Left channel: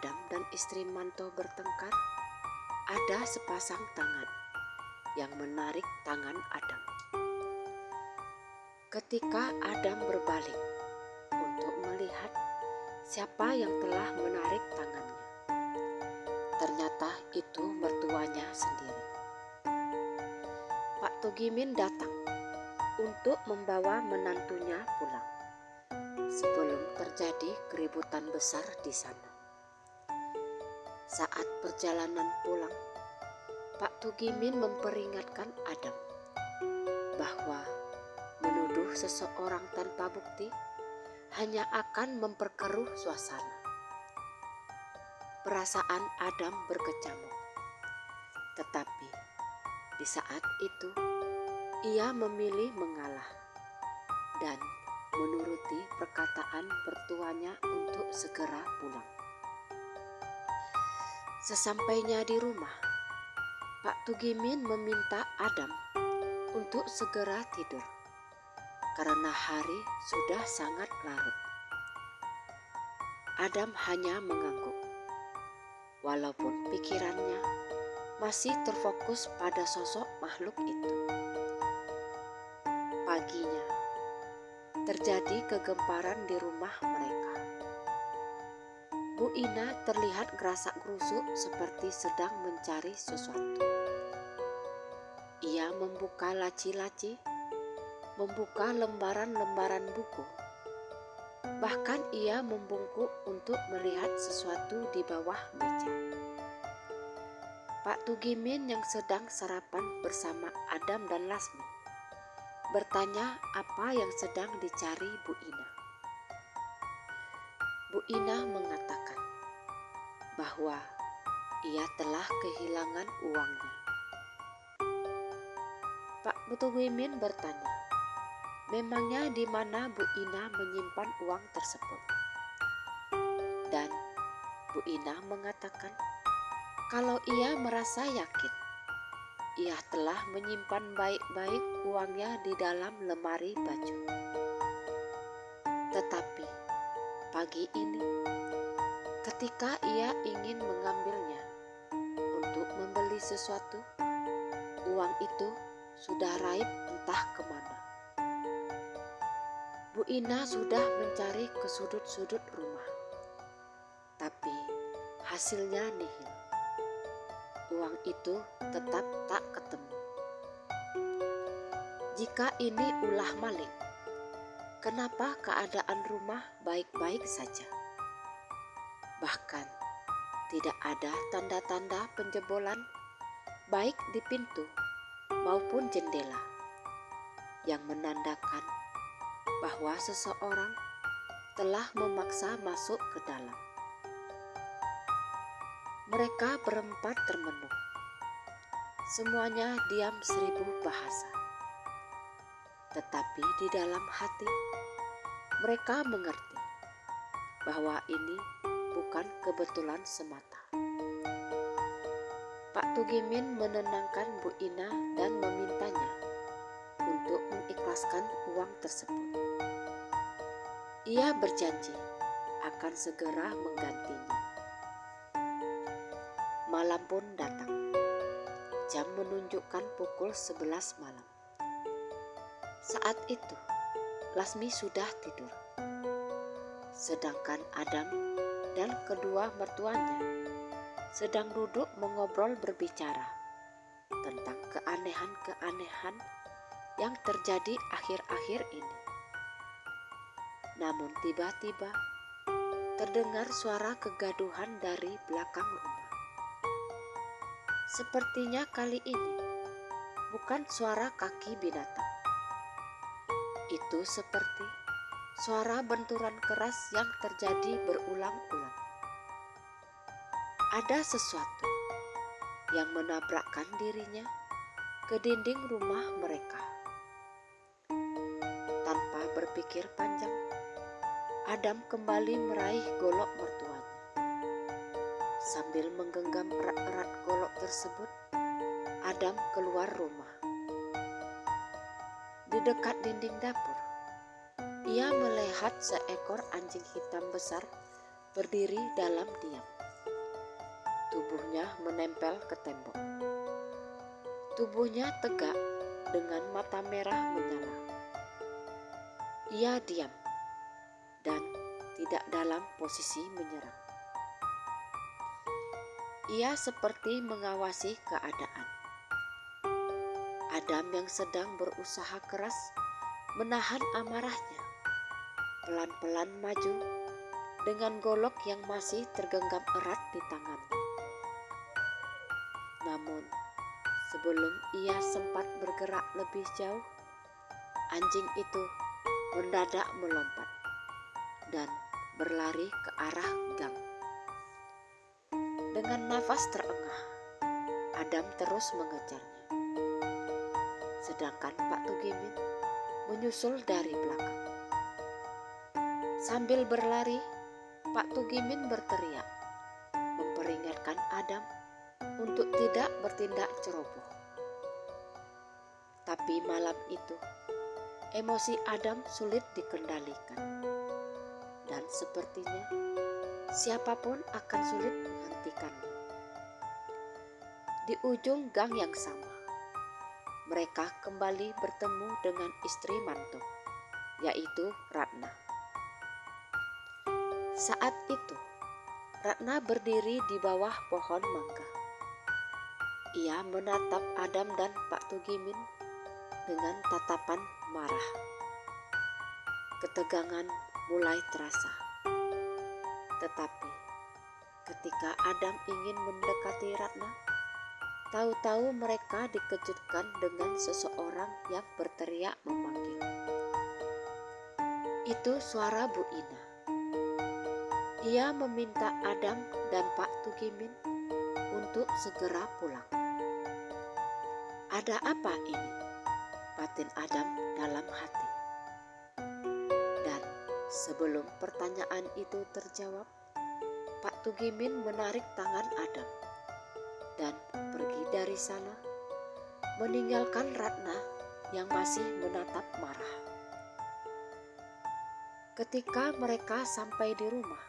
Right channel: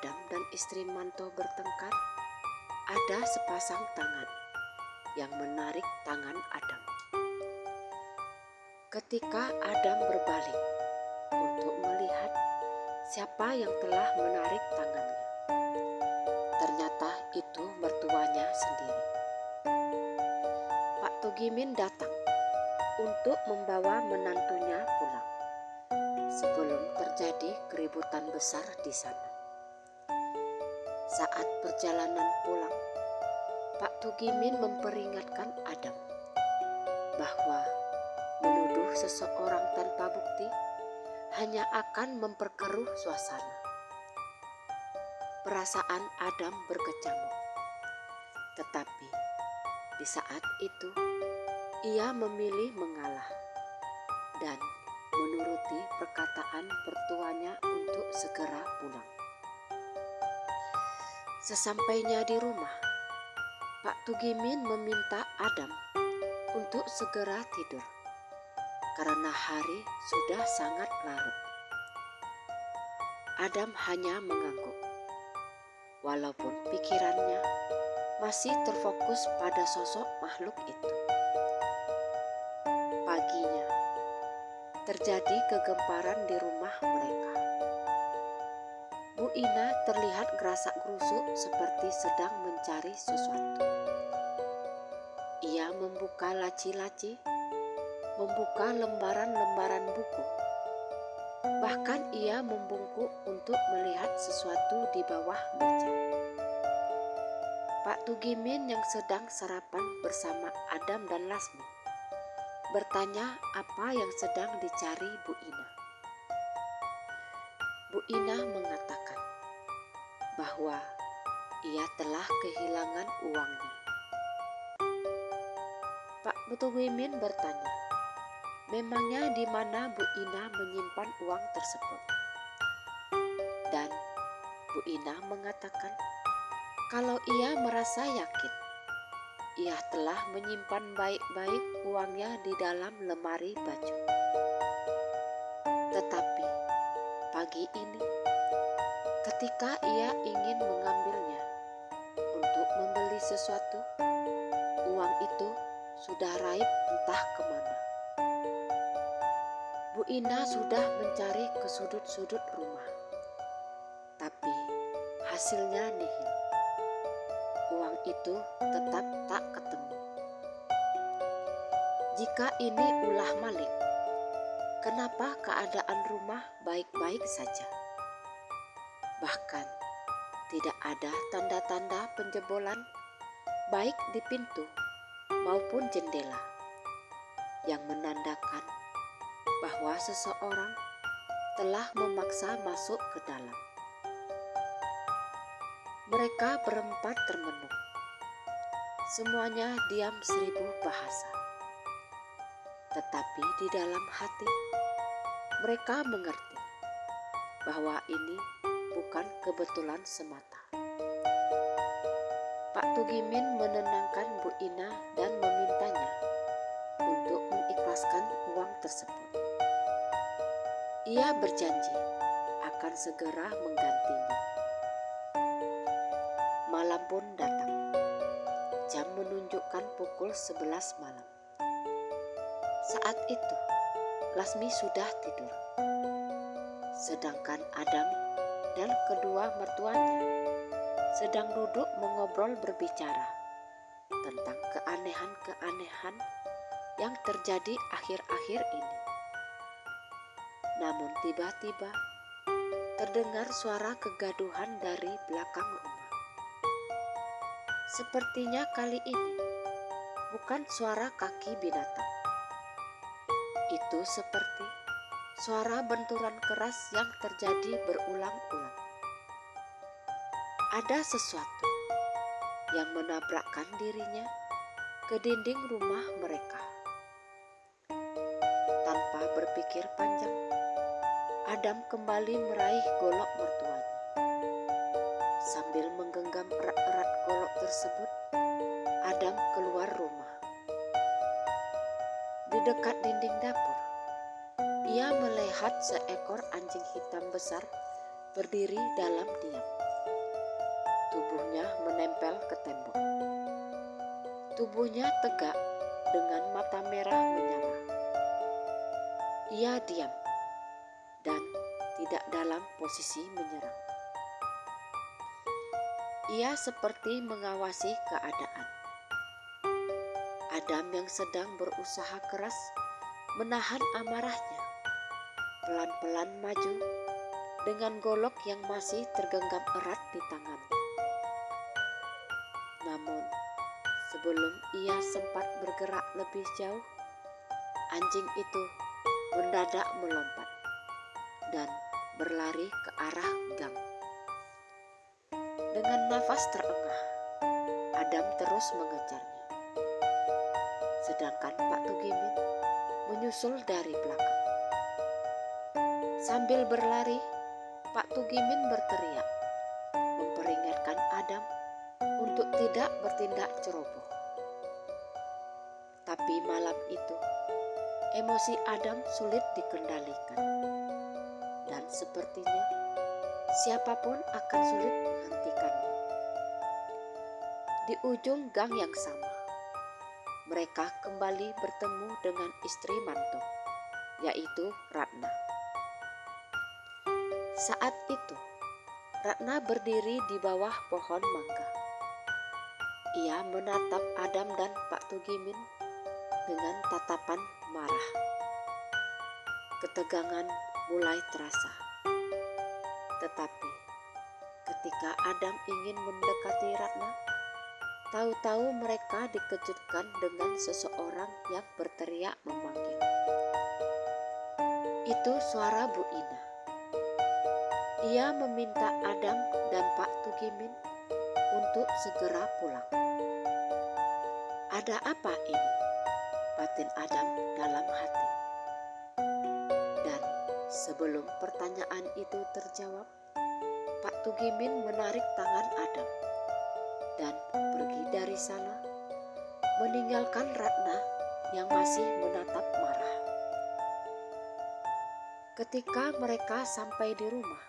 Adam dan istri Manto bertengkar, ada sepasang tangan yang menarik tangan Adam. Ketika Adam berbalik untuk melihat siapa yang telah menarik tangannya, ternyata itu mertuanya sendiri. Pak Tugimin datang untuk membawa menantunya pulang sebelum terjadi keributan besar di sana. Saat perjalanan pulang, Pak Tugimin memperingatkan Adam bahwa menuduh seseorang tanpa bukti hanya akan memperkeruh suasana. Perasaan Adam berkecamuk, tetapi di saat itu ia memilih mengalah dan menuruti perkataan mertuanya untuk segera pulang. Sesampainya di rumah, Pak Tugimin meminta Adam untuk segera tidur karena hari sudah sangat larut. Adam hanya mengangguk, walaupun pikirannya masih terfokus pada sosok makhluk itu. Paginya, terjadi kegemparan di rumah mereka. Bu Ina terlihat gerasak-gerusuk seperti sedang mencari sesuatu. Ia membuka laci-laci, membuka lembaran-lembaran buku. Bahkan ia membungkuk untuk melihat sesuatu di bawah meja. Pak Tugimin yang sedang sarapan bersama Adam dan Lasmi bertanya apa yang sedang dicari Bu Ina. Bu Ina mengatakan bahwa ia telah kehilangan uangnya. Pak Tugimin bertanya, memangnya di mana Bu Ina menyimpan uang tersebut? Dan Bu Ina mengatakan kalau ia merasa yakin ia telah menyimpan baik-baik uangnya di dalam lemari baju. Tetapi pagi ini, ketika ia ingin mengambilnya untuk membeli sesuatu, uang itu sudah raib entah kemana. Bu Ina sudah mencari ke sudut-sudut rumah, tapi hasilnya nihil. Uang itu tetap tak ketemu. Jika ini ulah maling, kenapa keadaan rumah baik-baik saja? Bahkan tidak ada tanda-tanda penjebolan baik di pintu maupun jendela yang menandakan bahwa seseorang telah memaksa masuk ke dalam. Mereka berempat termenung. Semuanya diam 1000 bahasa. Tetapi di dalam hati mereka mengerti bahwa ini bukan kebetulan semata. Pak Tugimin menenangkan Bu Ina dan memintanya untuk mengikhlaskan uang tersebut. Ia berjanji akan segera menggantinya. Malam pun datang. Jam menunjukkan pukul 11 malam. Saat itu, Lasmi sudah tidur. Sedangkan Adam dan kedua mertuanya sedang duduk mengobrol berbicara tentang keanehan-keanehan yang terjadi akhir-akhir ini. Namun tiba-tiba terdengar suara kegaduhan dari belakang rumah. Sepertinya kali ini bukan suara kaki binatang. Itu seperti suara benturan keras yang terjadi berulang-ulang. Ada sesuatu yang menabrakkan dirinya ke dinding rumah mereka. Tanpa berpikir panjang, Adam kembali meraih golok mertuanya. Sambil menggenggam erat-erat golok tersebut, Adam keluar rumah. Di dekat dinding dapur, ia melihat seekor anjing hitam besar berdiri dalam diam. Tubuhnya menempel ke tembok. Tubuhnya tegak dengan mata merah menyala. Ia diam dan tidak dalam posisi menyerang. Ia seperti mengawasi keadaan. Adam yang sedang berusaha keras menahan amarahnya, pelan-pelan maju dengan golok yang masih tergenggam erat di tangannya. Namun, sebelum ia sempat bergerak lebih jauh, anjing itu mendadak melompat dan berlari ke arah gang. Dengan nafas terengah, Adam terus mengejarnya. Sedangkan Pak Tugimin menyusul dari belakang. Sambil berlari, Pak Tugimin berteriak, memperingatkan Adam untuk tidak bertindak ceroboh. Tapi malam itu, emosi Adam sulit dikendalikan. Dan sepertinya siapapun akan sulit menghentikannya. Di ujung gang yang sama, mereka kembali bertemu dengan istri Manto, yaitu Ratna. Saat itu, Ratna berdiri di bawah pohon mangga. Ia menatap Adam dan Pak Tugimin dengan tatapan marah. Ketegangan mulai terasa. Tetapi ketika Adam ingin mendekati Ratna, tahu-tahu mereka dikejutkan dengan seseorang yang berteriak memanggil. Itu suara Bu Ina. Ia meminta Adam dan Pak Tugimin untuk segera pulang. Ada apa ini? Batin Adam dalam hati. Dan sebelum pertanyaan itu terjawab, Pak Tugimin menarik tangan Adam dan pergi dari sana, meninggalkan Ratna yang masih menatap marah. Ketika mereka sampai di rumah,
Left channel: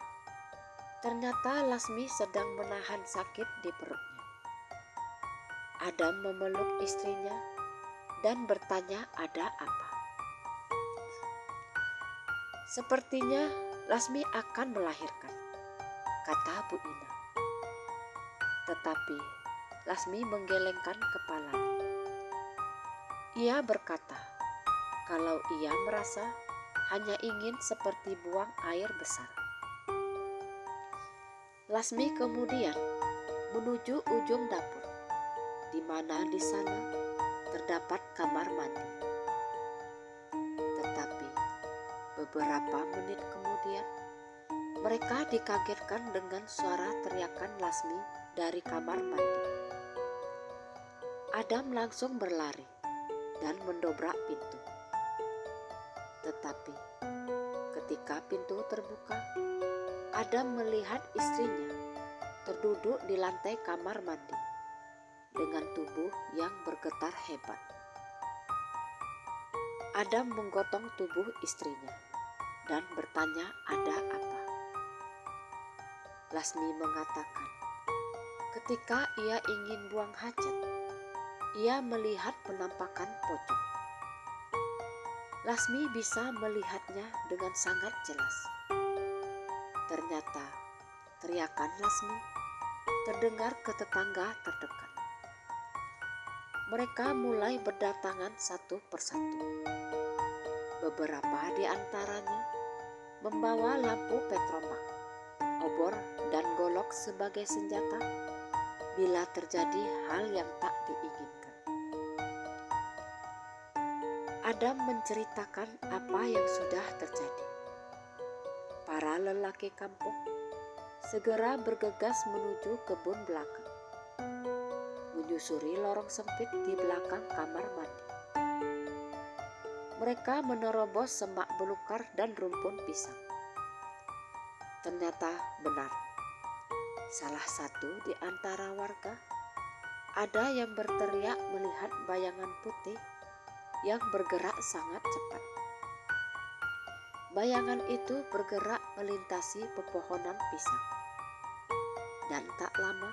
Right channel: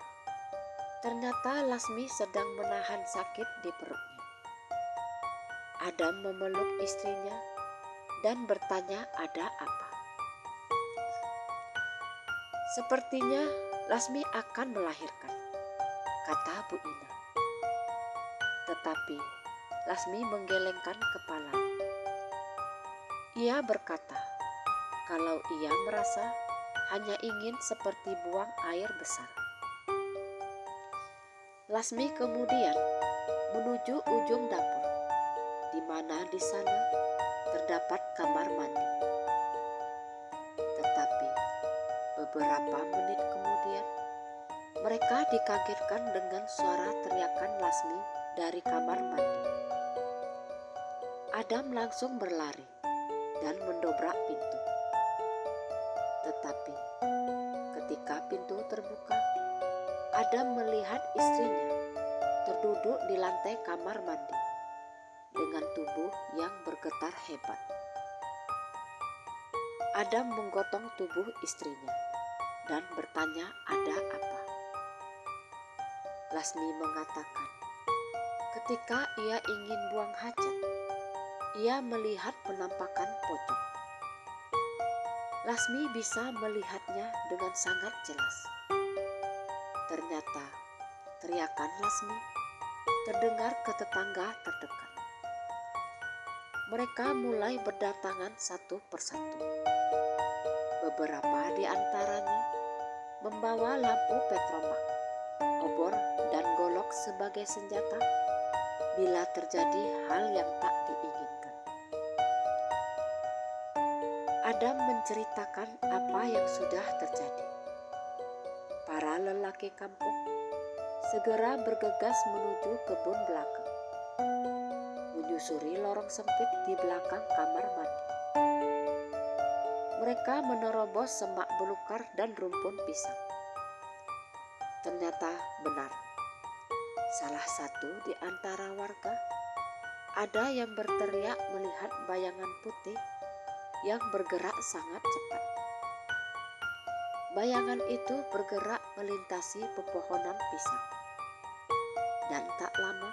ternyata Lasmi sedang menahan sakit di perutnya. Adam memeluk istrinya dan bertanya ada apa. Sepertinya Lasmi akan melahirkan, kata Bu Ina. Tetapi Lasmi menggelengkan kepalanya. Ia berkata kalau ia merasa hanya ingin seperti buang air besar. Lasmi kemudian menuju ujung dapur, di mana di sana terdapat kamar mandi. Tetapi beberapa menit kemudian, mereka dikagetkan dengan suara teriakan Lasmi dari kamar mandi. Adam langsung berlari dan mendobrak pintu. Tetapi ketika pintu terbuka, Adam melihat istrinya terduduk di lantai kamar mandi dengan tubuh yang bergetar hebat. Adam menggotong tubuh istrinya dan bertanya ada apa. Lasmi mengatakan, ketika ia ingin buang hajat, ia melihat penampakan pocong. Lasmi bisa melihatnya dengan sangat jelas. Ternyata teriakan Lasmi terdengar ke tetangga terdekat. Mereka mulai berdatangan satu persatu. Beberapa di antaranya membawa lampu petromak, obor dan golok sebagai senjata bila terjadi hal yang tak diinginkan. Adam menceritakan apa yang sudah terjadi. Para lelaki kampung segera bergegas menuju kebun belakang, menyusuri lorong sempit di belakang kamar mandi. Mereka menerobos semak belukar dan rumpun pisang. Ternyata benar, salah satu di antara warga ada yang berteriak melihat bayangan putih yang bergerak sangat cepat. Bayangan itu bergerak melintasi pepohonan pisang. Dan tak lama,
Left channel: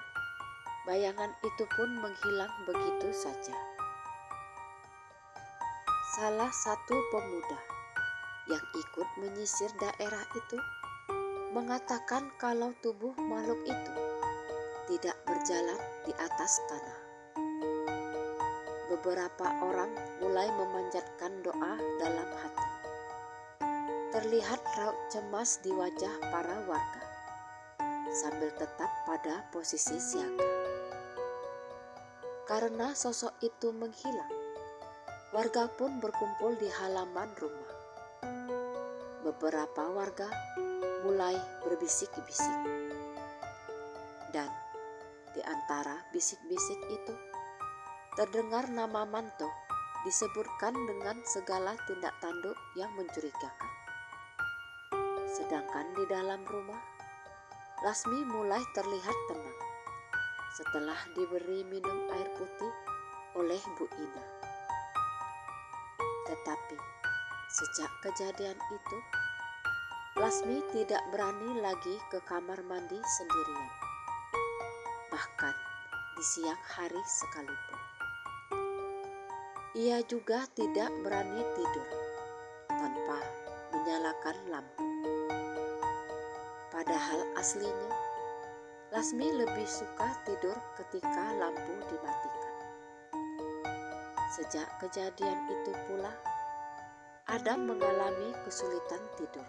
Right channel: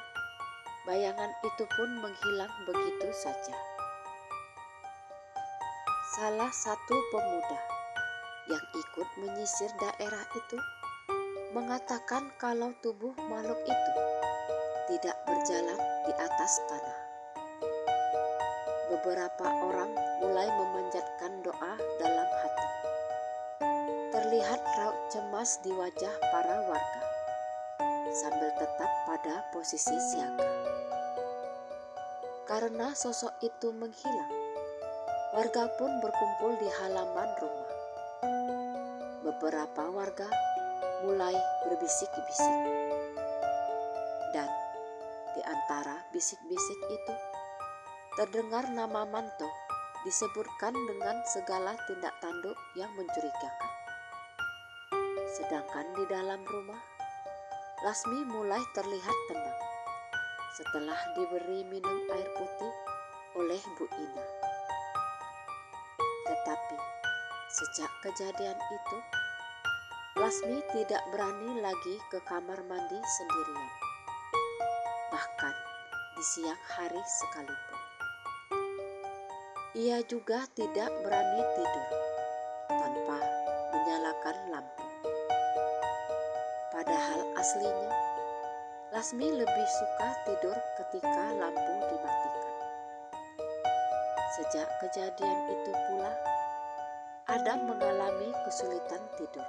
bayangan itu pun menghilang begitu saja. Salah satu pemuda yang ikut menyisir daerah itu mengatakan kalau tubuh makhluk itu tidak berjalan di atas tanah. Beberapa orang mulai memanjatkan doa dalam hati. Terlihat raut cemas di wajah para warga, sambil tetap pada posisi siaga. Karena sosok itu menghilang, warga pun berkumpul di halaman rumah. Beberapa warga mulai berbisik-bisik. Dan di antara bisik-bisik itu, terdengar nama Manto disebutkan dengan segala tindak tanduk yang mencurigakan. Sedangkan di dalam rumah, Lasmi mulai terlihat tenang setelah diberi minum air putih oleh Bu Ina. Tetapi sejak kejadian itu, Lasmi tidak berani lagi ke kamar mandi sendirian, bahkan di siang hari sekalipun. Ia juga tidak berani tidur tanpa menyalakan lampu. Padahal aslinya, Lasmi lebih suka tidur ketika lampu dimatikan. Sejak kejadian itu pula, Adam mengalami kesulitan tidur.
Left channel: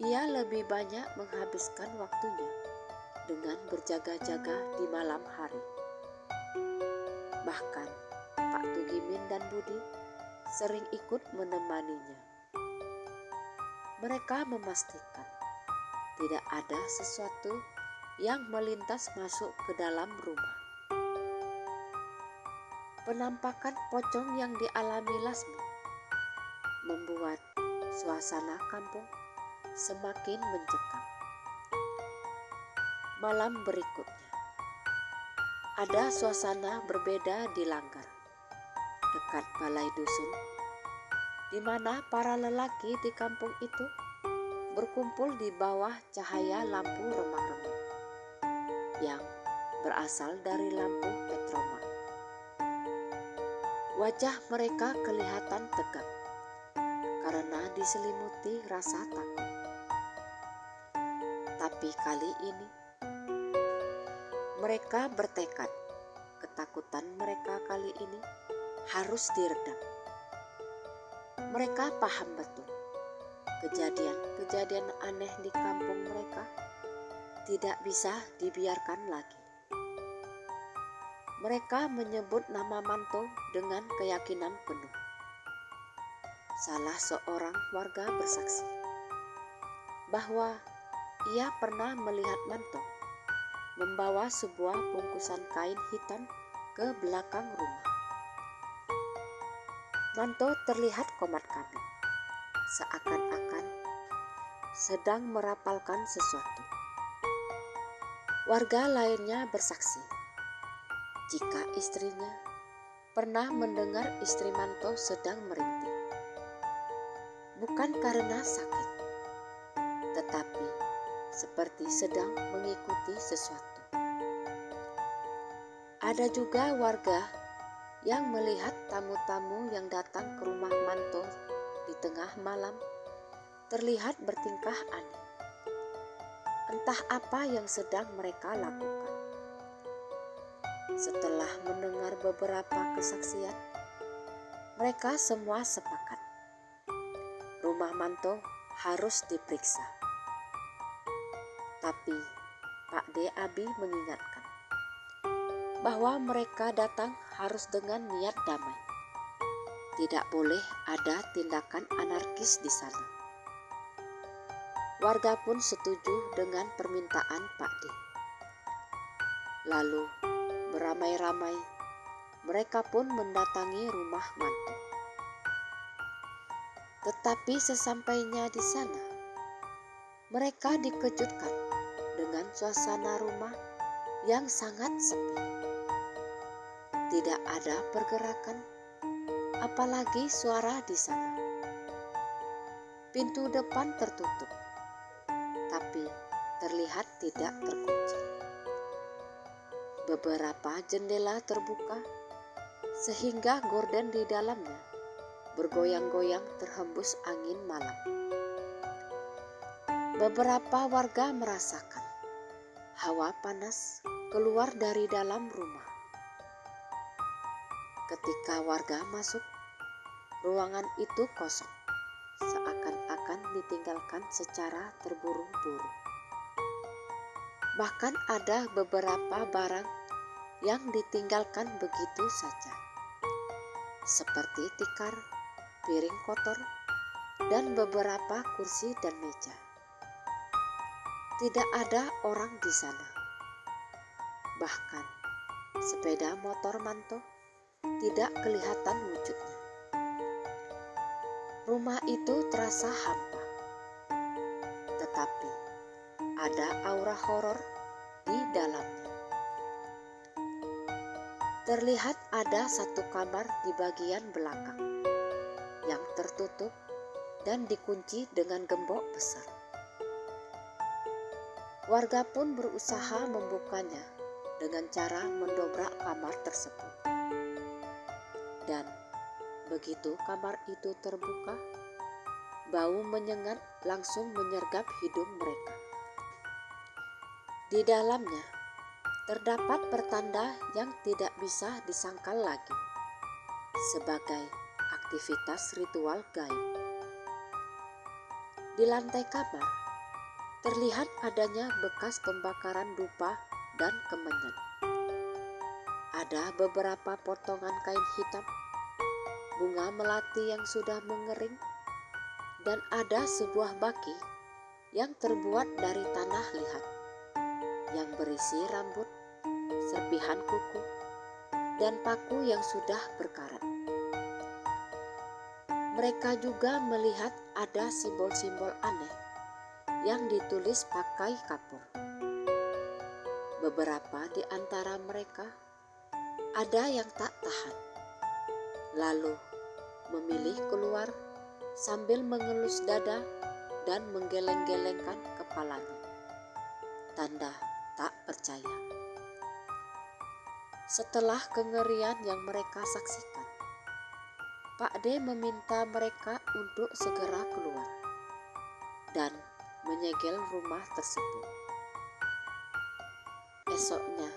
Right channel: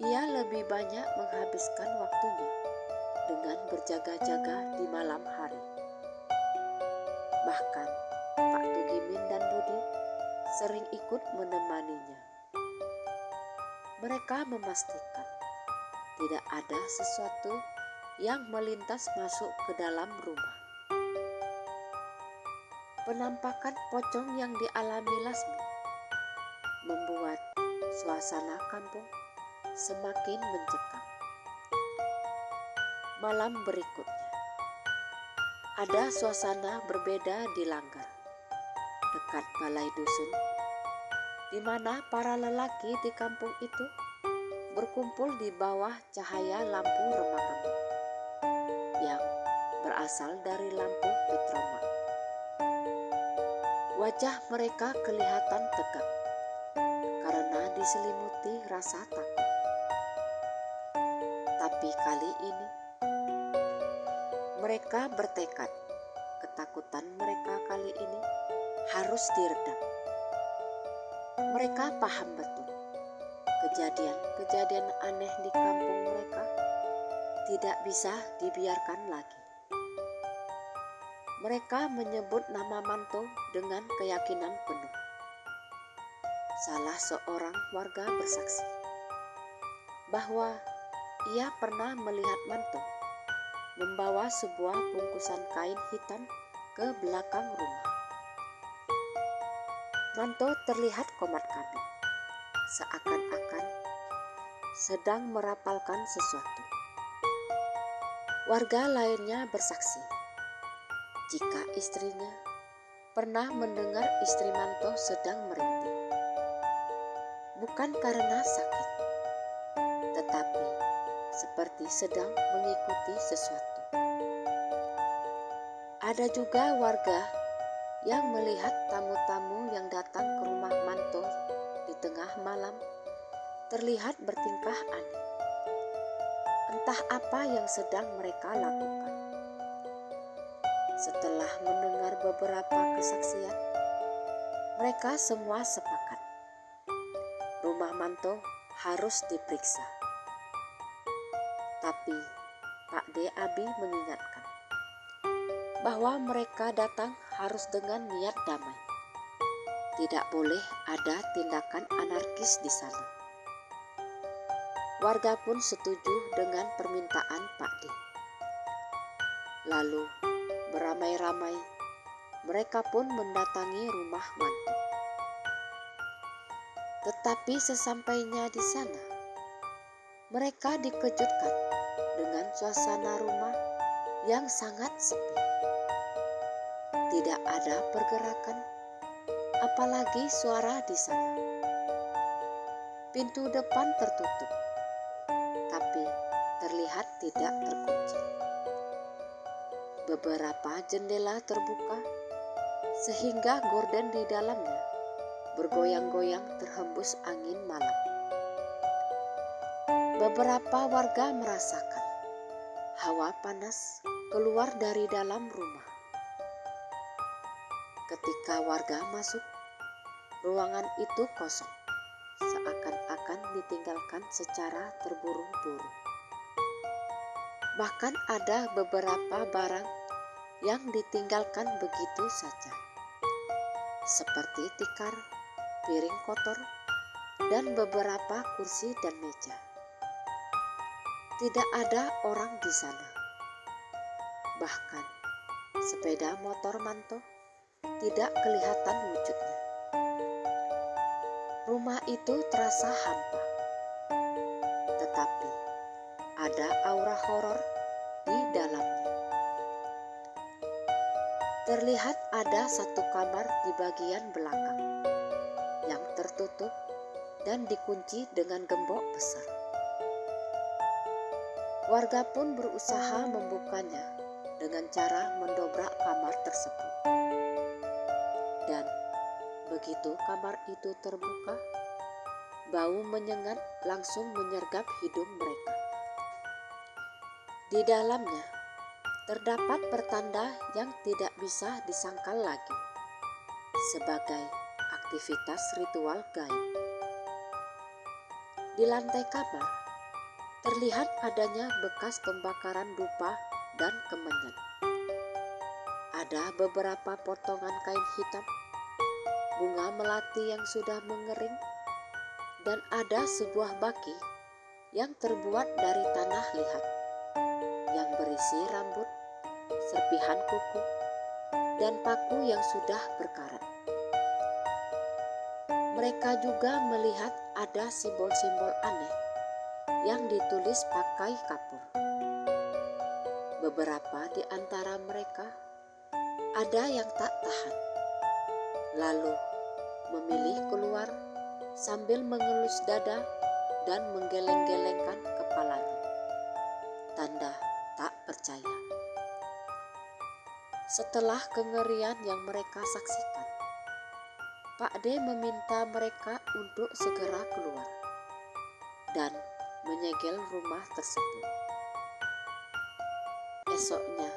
Ia lebih banyak menghabiskan waktunya dengan berjaga-jaga di malam hari. Bahkan Pak Tugimin dan Budi sering ikut menemaninya. Mereka memastikan tidak ada sesuatu yang melintas masuk ke dalam rumah. Penampakan pocong yang dialami Lasmi membuat suasana kampung semakin mencekam. Malam berikutnya, ada suasana berbeda di Langgar, dekat balai dusun, di mana para lelaki di kampung itu berkumpul di bawah cahaya lampu remang-remang yang berasal dari lampu petroma. Wajah mereka kelihatan tegang karena diselimuti rasa takut. Tapi kali ini mereka bertekad ketakutan mereka kali ini harus diredam. Mereka paham betul kejadian-kejadian aneh di kampung mereka tidak bisa dibiarkan lagi. Mereka menyebut nama Manto dengan keyakinan penuh. Salah seorang warga bersaksi bahwa ia pernah melihat Manto membawa sebuah bungkusan kain hitam ke belakang rumah. Manto terlihat komat kamit, seakan-akan sedang merapalkan sesuatu. Warga lainnya bersaksi jika istrinya pernah mendengar istri Manto sedang merintih. Bukan karena sakit, tetapi seperti sedang mengikuti sesuatu. Ada juga warga yang melihat tamu-tamu yang datang ke rumah Manto di tengah malam terlihat bertingkah aneh. Entah apa yang sedang mereka lakukan. Setelah mendengar beberapa kesaksian, mereka semua sepakat rumah Manto harus diperiksa. Tapi Pak D. Abi mengingatkan bahwa mereka datang harus dengan niat damai. Tidak boleh ada tindakan anarkis di sana. Warga pun setuju dengan permintaan Pak D. Lalu beramai-ramai mereka pun mendatangi rumah Manto. Tetapi sesampainya di sana, mereka dikejutkan dengan suasana rumah yang sangat sepi. Tidak ada pergerakan, apalagi suara di sana. Pintu depan tertutup, tapi terlihat tidak terkunci. Beberapa jendela terbuka sehingga gorden di dalamnya bergoyang-goyang terhembus angin malam. Beberapa warga merasakan hawa panas keluar dari dalam rumah. Ketika warga masuk, ruangan itu kosong, seakan-akan ditinggalkan secara terburu-buru. Bahkan ada beberapa barang yang ditinggalkan begitu saja, seperti tikar, piring kotor, dan beberapa kursi dan meja. Tidak ada orang di sana. Bahkan sepeda motor Manto tidak kelihatan wujudnya. Rumah itu terasa hampa, tetapi ada aura horor di dalamnya. Terlihat ada satu kamar di bagian belakang yang tertutup dan dikunci dengan gembok besar. Warga pun berusaha membukanya dengan cara mendobrak kamar tersebut. Dan begitu kamar itu terbuka, bau menyengat langsung menyergap hidung mereka. Di dalamnya terdapat pertanda yang tidak bisa disangkal lagi sebagai aktivitas ritual gaib. Di lantai kamar terlihat adanya bekas pembakaran dupa dan kemenyan. Ada beberapa potongan kain hitam, bunga melati yang sudah mengering, dan ada sebuah baki yang terbuat dari tanah liat yang berisi rambut, serpihan kuku, dan paku yang sudah berkarat. Mereka juga melihat ada simbol-simbol aneh yang ditulis pakai kapur. Beberapa di antara mereka ada yang tak tahan, lalu memilih keluar sambil mengelus dada dan menggeleng-gelengkan kepalanya, tanda tak percaya. Setelah kengerian yang mereka saksikan, Pak D meminta mereka untuk segera keluar dan menyegel rumah tersebut. Esoknya,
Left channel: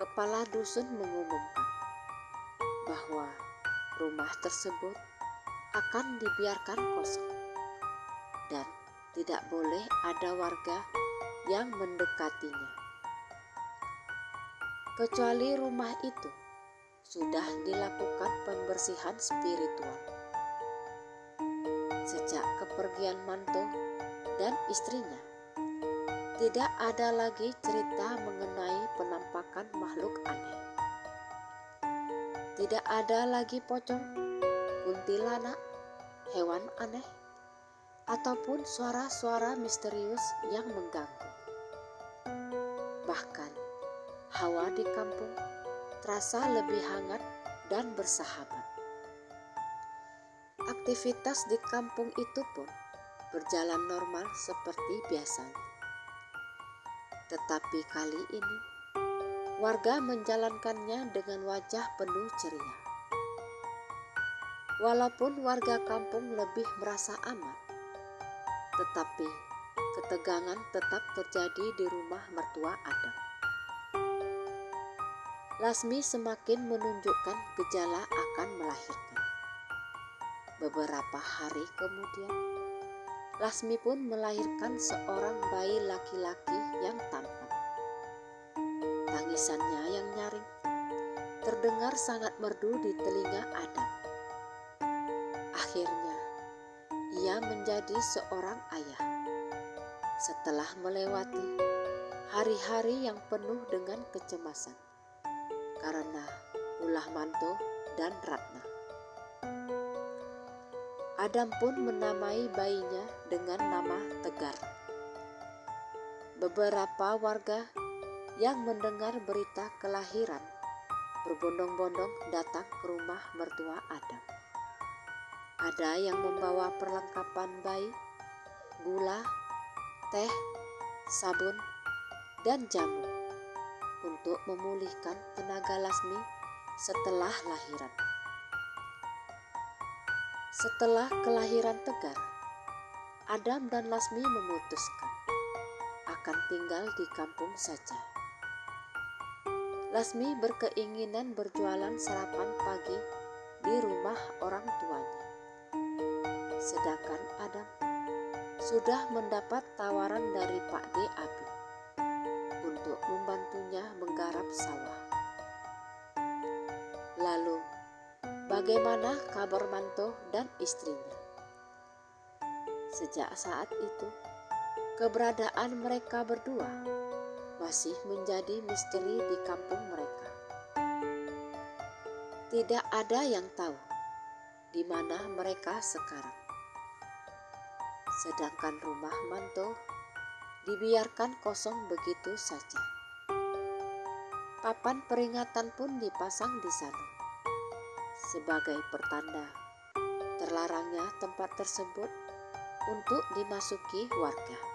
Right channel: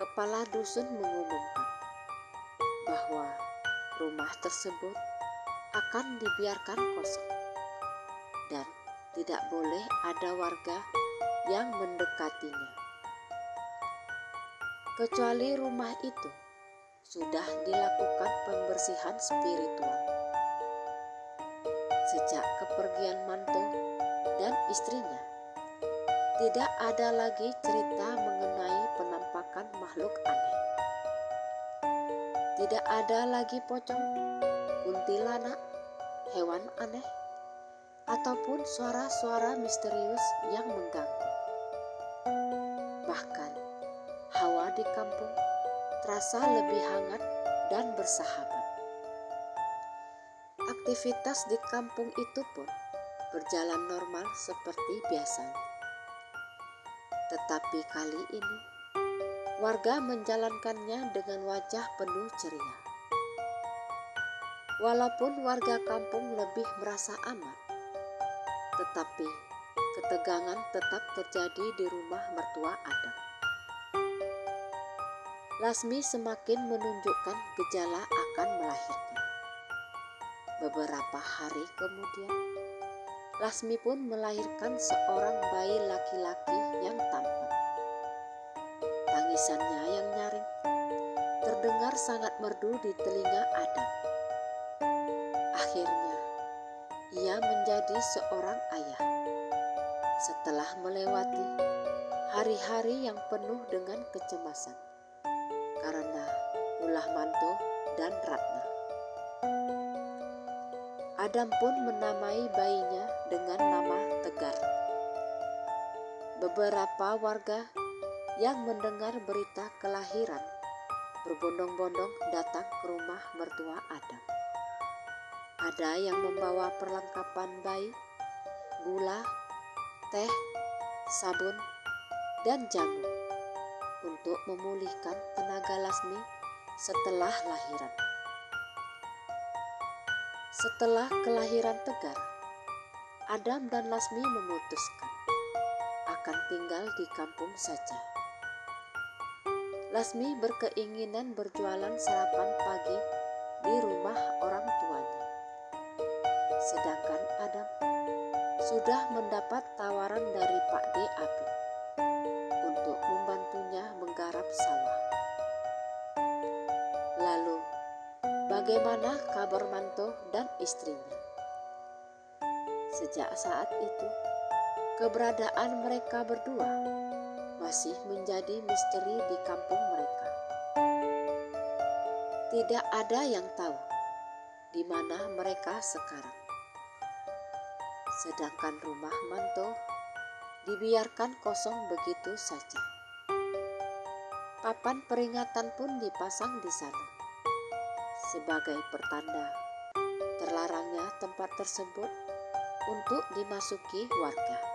kepala dusun mengumumkan bahwa rumah tersebut akan dibiarkan kosong dan tidak boleh ada warga yang mendekatinya. Kecuali rumah itu sudah dilakukan pembersihan spiritual. Sejak kepergian Manto dan istrinya, tidak ada lagi cerita mengenai penampakan makhluk aneh. Tidak ada lagi pocong, kuntilanak, hewan aneh, ataupun suara-suara misterius yang mengganggu. Bahkan, hawa di kampung terasa lebih hangat dan bersahabat. Aktivitas di kampung itu pun berjalan normal seperti biasanya. Tetapi kali ini, warga menjalankannya dengan wajah penuh ceria. Walaupun warga kampung lebih merasa aman, tetapi ketegangan tetap terjadi di rumah mertua Adam. Lasmi semakin menunjukkan gejala akan melahirkan. Beberapa hari kemudian, Lasmi pun melahirkan seorang bayi laki-laki yang tampan. Tangisannya yang nyaring terdengar sangat merdu di telinga Adam. Akhirnya, ia menjadi seorang ayah setelah melewati hari-hari yang penuh dengan kecemasan karena ulah Manto dan Ratna. Adam pun menamai bayinya dengan nama Tegar. Beberapa warga yang mendengar berita kelahiran berbondong-bondong datang ke rumah mertua Adam. Ada yang membawa perlengkapan bayi, gula, teh, sabun, dan jamu untuk memulihkan tenaga Lasmi setelah lahiran. Setelah kelahiran Tegar, Adam dan Lasmi memutuskan akan tinggal di kampung saja. Lasmi berkeinginan berjualan sarapan pagi di rumah orang tuanya. Sedangkan Adam sudah mendapat tawaran dari Pak D. Abi untuk membantunya menggarap sawah. Lalu, bagaimana kabar Manto dan istrinya? Sejak saat itu, keberadaan mereka berdua masih menjadi misteri di kampung mereka. Tidak ada yang tahu di mana mereka sekarang. Sedangkan rumah Manto dibiarkan kosong begitu saja. Papan peringatan pun dipasang di sana sebagai pertanda terlarangnya tempat tersebut untuk dimasuki warga.